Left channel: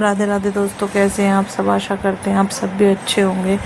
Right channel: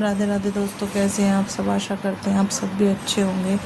राधे राधे दोस्तों, कैसे हैं आप सब। आशा करते हैं आप सब भी अच्छे होंगे।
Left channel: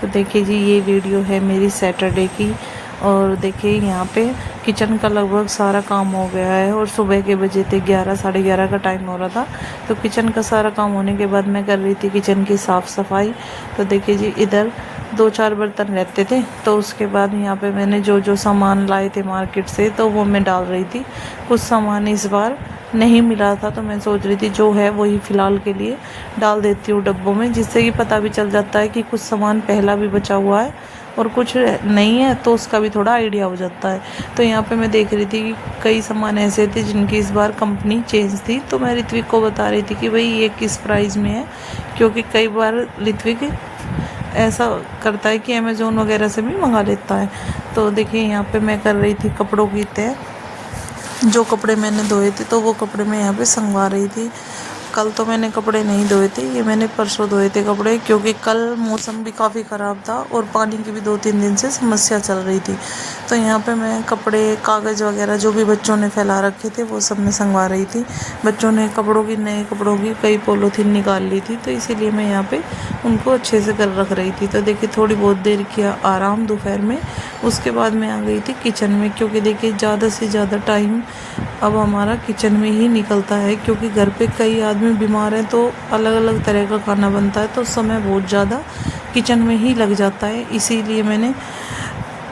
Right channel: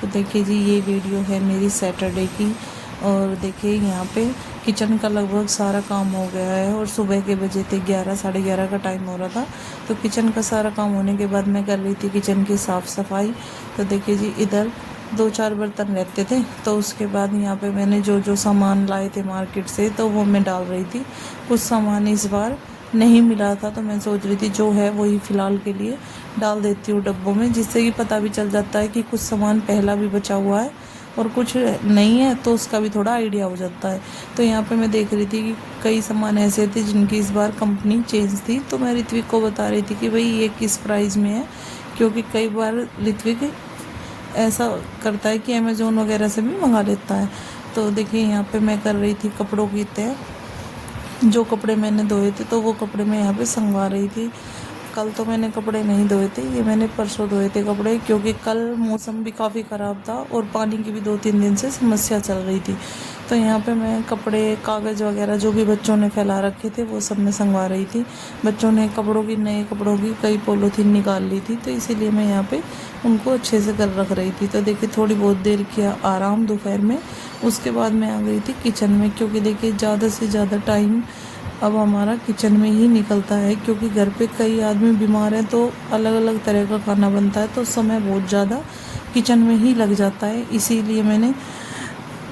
तो देखिए जी, ये वीडियो है मेरी सैटरडे की। और देखिए यहाँ पे किचन का लगभग सारा काम हो गया है और सुबह के बजे थे 11 साढ़े 11 का टाइम हो रहा था। तो किचन का सारा काम होने के बाद मैं कर रही थी किचन की साफ़ सफाई। तो देखिए जी, इधर 2-4 बर्तन रहते थे, तो उसके बाद यहाँ पे मैंने जो जो सामान लाए थे मार्केट से तो वो मैं डाल रही थी। कुछ सामान इस बार नहीं मिला था, तो मैं सोच रही थी जो है वही फ़िलहाल के लिए डाल देती हूँ डब्बों में, जिससे कि पता भी चल जाता है कि कुछ सामान पहला भी बचा हुआ है और कुछ नहीं है, तो उसका भी थोड़ा आइडिया हो जाता है। तो यहाँ पे मैं देख रही थी कि कई सामान ऐसे थे जिनकी इस बार कंपनी चेंज थी। तो मैं ऋत्विक को बता रही थी कि भाई ये किस प्राइस में है, क्योंकि कई बार ऋत्विक ऐसा करता है कि अमेज़ोन वगैरह से भी मंगा लेता है। तो देखिए यहाँ पे मैं कर रही थी कपड़ों की तय। जो कपड़े मैंने धोए थे तो वो कपड़े मैं यहाँ पे संगवा रही थी। कल तो मैंने कपड़े नहीं धोए थे, ये मैंने परसों धोए थे कपड़े, क्योंकि कल मौसम भी काफ़ी ख़राब था और पानी की भी 2-3 दिन से समस्या चल रही थी। तो यहाँ पे मैं कपड़े, कागज़ वगैरह जो भी बच्चों ने फैला रखे थे वो सब मैं संगवा रही थी। बच्चों ने कपड़ों की, नए कपड़ों की कई पॉलीथीन निकाल ली थी, तो इसीलिए मैं यहाँ पे उनको अच्छे से कर रख रही थी। तो देखिए थोड़ी बहुत देर किया आराम दोपहर में, उसके बाद मैं आ गई थी किचन में, क्योंकि देखिए ज़्यादा से ज़्यादा टाइम अब हमारा किचन में ही निकलता है, क्योंकि घर पे कई आदमी बीमार हैं तो अलग अलग तरह का खाना बनता है, तो समय बहुत ज़्यादा किचन में ही लग जाता है। इसीलिए मैंने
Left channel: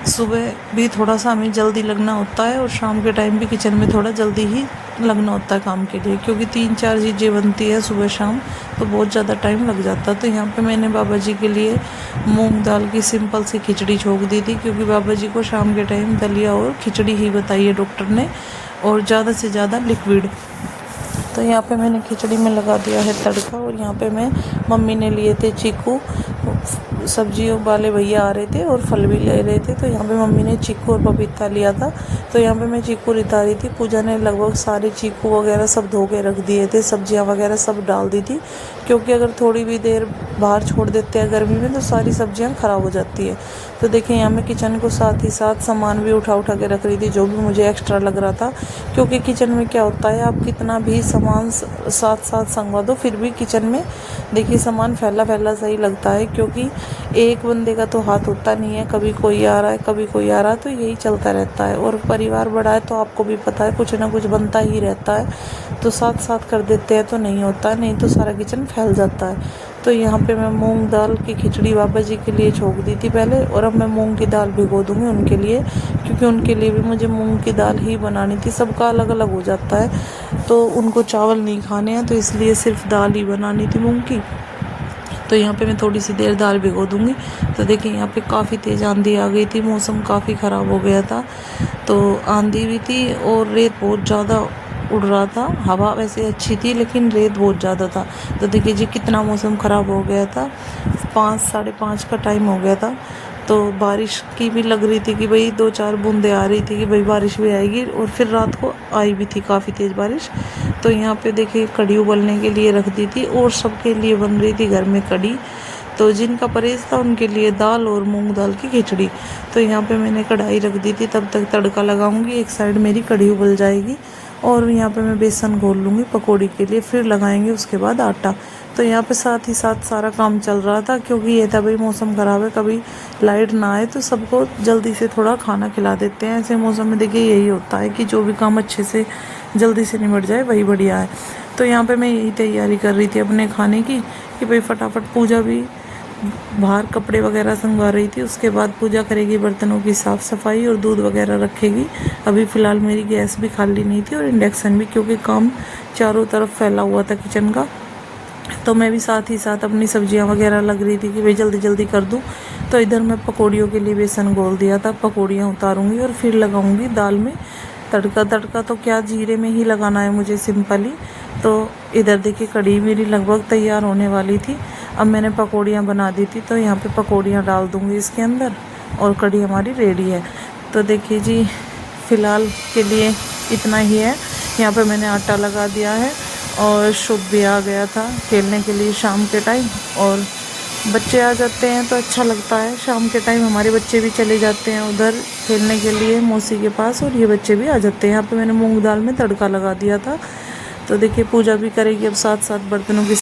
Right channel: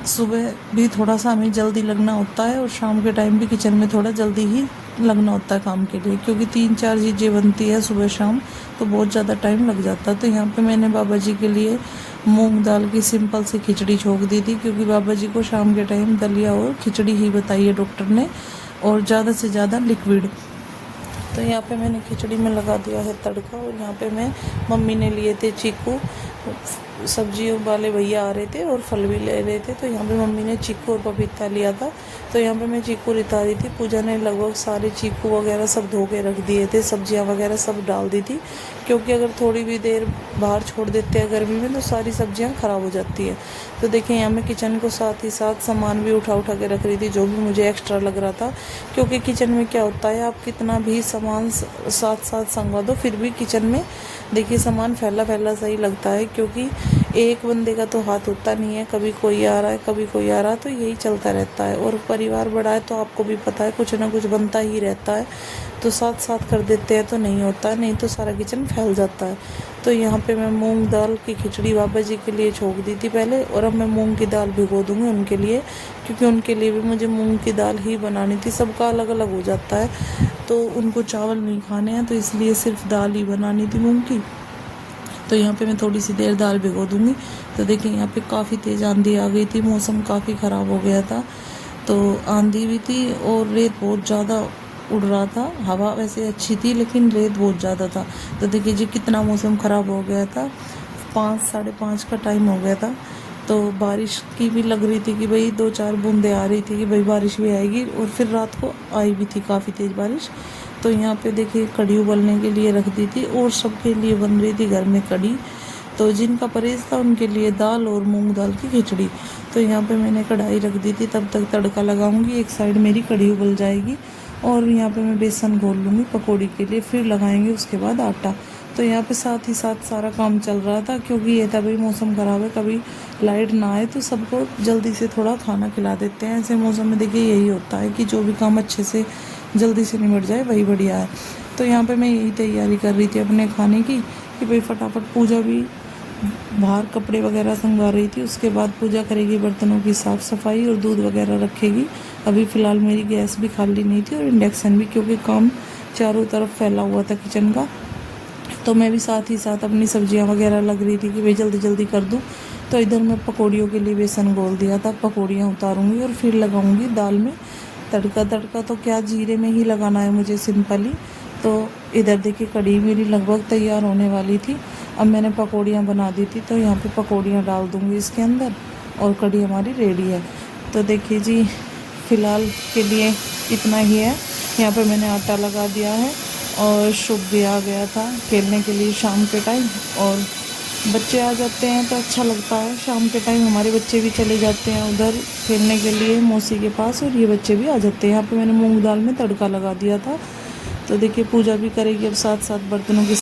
सुबह भी थोड़ा सा हमें जल्दी लगना होता है और शाम के टाइम भी किचन में थोड़ा जल्दी ही लगना होता है काम के लिए, क्योंकि 3-4 चीज़ें बनती है सुबह शाम, तो बहुत ज़्यादा टाइम लग जाता है। तो यहाँ पे मैंने बाबा जी के लिए मूंग दाल की सिंपल सी खिचड़ी छोक दी थी, क्योंकि बाबा जी को शाम के टाइम दलिया और खिचड़ी ही बताई है डॉक्टर ने, और ज़्यादा से ज़्यादा लिक्विड। तो यहाँ पे मैंने खिचड़ी में लगा दिया है तड़का। और यहाँ पे मैं, मम्मी ने लिए थे चीकू, सब्जियों वाले भैया आ रहे थे और फल भी ले रहे थे, तो यहाँ पे मम्मी ने चीकू और पपीता लिया था। तो यहाँ पे मैं चीकू रिता रही थी। पूजा ने लगभग सारे चीकू वगैरह सब धो के रख दिए थे, सब्जियाँ वगैरह सब डाल दी थी, क्योंकि अगर थोड़ी भी देर बाहर छोड़ देते हैं गर्मी में तो सारी सब्जियाँ ख़राब हो जाती है। तो देखिए यहाँ मैं किचन को साथ ही साथ सामान भी उठा उठा के रख रही थी, जो भी मुझे एक्स्ट्रा लग रहा था, क्योंकि किचन में क्या होता है, आप कितना भी सामान साथ साथ संगवा दो फिर भी किचन में देखिए सामान फैला फैला सही लगता है, क्योंकि एक बंदे का तो हाथ होता नहीं है, कभी कोई आ रहा है कभी कोई आ रहा है, तो यही चलता रहता है। और परिवार बड़ा है तो आपको भी पता है कुछ ना कुछ बनता ही रहता है, तो साथ साथ कर देते हैं तो नहीं होता, नहीं तो सारा किचन फैल जाता है। तो यहाँ पे मैं मूंग दाल की खिचड़ी बाबा जी के लिए छोक दी थी पहले, और अब मैं मूंग की दाल भिगो दूँगी उनके लिए, क्योंकि उनके लिए भी मुझे मूंग की दाल ही बनानी थी। सबका अलग अलग हो जाता है, तो उनको चावल नहीं खाने हैं, तो इसलिए सिर्फ दाल ही बनानी थी मूंग की। तो यहाँ पे मैं थोड़ी सी देर दाल भिगो दूँगी। तो देखिए यहाँ पे काफ़ी तेज़ आंधी आ गई थी, मौसम काफ़ी ख़राब हो गया था, तो आंधी भी थी और रेत बहुत ज़्यादा उड़ रहा था। हवा वैसे अच्छी थी लेकिन रेत बहुत ज़्यादा था। तो देखिए जी कितना मौसम ख़राब हो गया था। 5 साढ़े 5 का टाइम हो गया था, तो बारिश की भी लग रही थी कि भाई 2-4 बूंदें आ रही थी कि भाई बारिश भी आएगी, और फिर रात को आई भी थी काफ़ी तेज़ बारिश। तो यहाँ पे देखिए कढ़ी उबलने के लिए रख दी थी, और सबके लिए बन रही थी घर में कढ़ी। तो जिनका परहेज था उनके लिए दाल और मूंग दाल की खिचड़ी। तो यहाँ पे मैंने कढ़ाई रख दी थी, तब तक तड़का लगाऊंगी, एक साइड मेरी कढ़ी उबल जाएगी, और यहाँ पे मैं बेसन घोल लूँगी पकौड़ी के लिए, फिर लगाएंगे उसके बाद आटा। तो यहाँ पे साथ ही साथ सारा काम चल रहा था, क्योंकि ये था भाई मौसम ख़राब है, कभी लाइट ना आए तो सबको जल्दी से थोड़ा खाना खिला देते हैं। ऐसे मौसम में देखिए यही होता है कि जो भी काम अच्छे से जल्दी से निपट जाए वही बढ़िया है। तो यहाँ पे मैं यही तैयारी कर रही थी अपने खाने की, कि भाई फटाफट पूजा भी बाहर कपड़े वगैरह संगवा रही थी, उसके बाद पूजा करेगी, बर्तनों की साफ़ सफाई और दूध वगैरह रखेगी। अभी फ़िलहाल मेरी गैस भी खाली नहीं थी और इंडक्शन भी, क्योंकि काम चारों तरफ फैला हुआ था किचन का। तो मैं भी साथ ही साथ अपनी सब्जियां वगैरह लग रही थी कि भाई जल्दी जल्दी कर दूं। तो इधर मैं पकौड़ियों के लिए बेसन घोल दिया था, पकौड़ियाँ उतारूँगी और फिर लगाऊँगी दाल में तड़का। तड़का तो क्या जीरे में ही लगाना है मुझे सिंपली। तो इधर देखिए कढ़ी मेरी लगभग तैयार होने वाली थी, अब मैंने पकौड़ियाँ बना दी थी, तो यहाँ पे पकौड़ियाँ डाल दूँगी इसके अंदर और कढ़ी हमारी रेडी है। तो देखिए जी फ़िलहाल के लिए इतना ही है। यहाँ पे मैंने आटा लगा दिया है, और शुभ भी आ गया था खेलने के लिए शाम के टाइम, और बच्चे आ जाते हैं तो अच्छा लगता है। शाम के टाइम हमारे बच्चे भी चले जाते हैं उधर खेलने के लिए मौसी के पास, और ये बच्चे भी आ जाते हैं। यहाँ पे मैंने मूंग दाल में तड़का लगा दिया था। तो देखिए पूजा भी करेगी अब साथ साथ बर्तनों की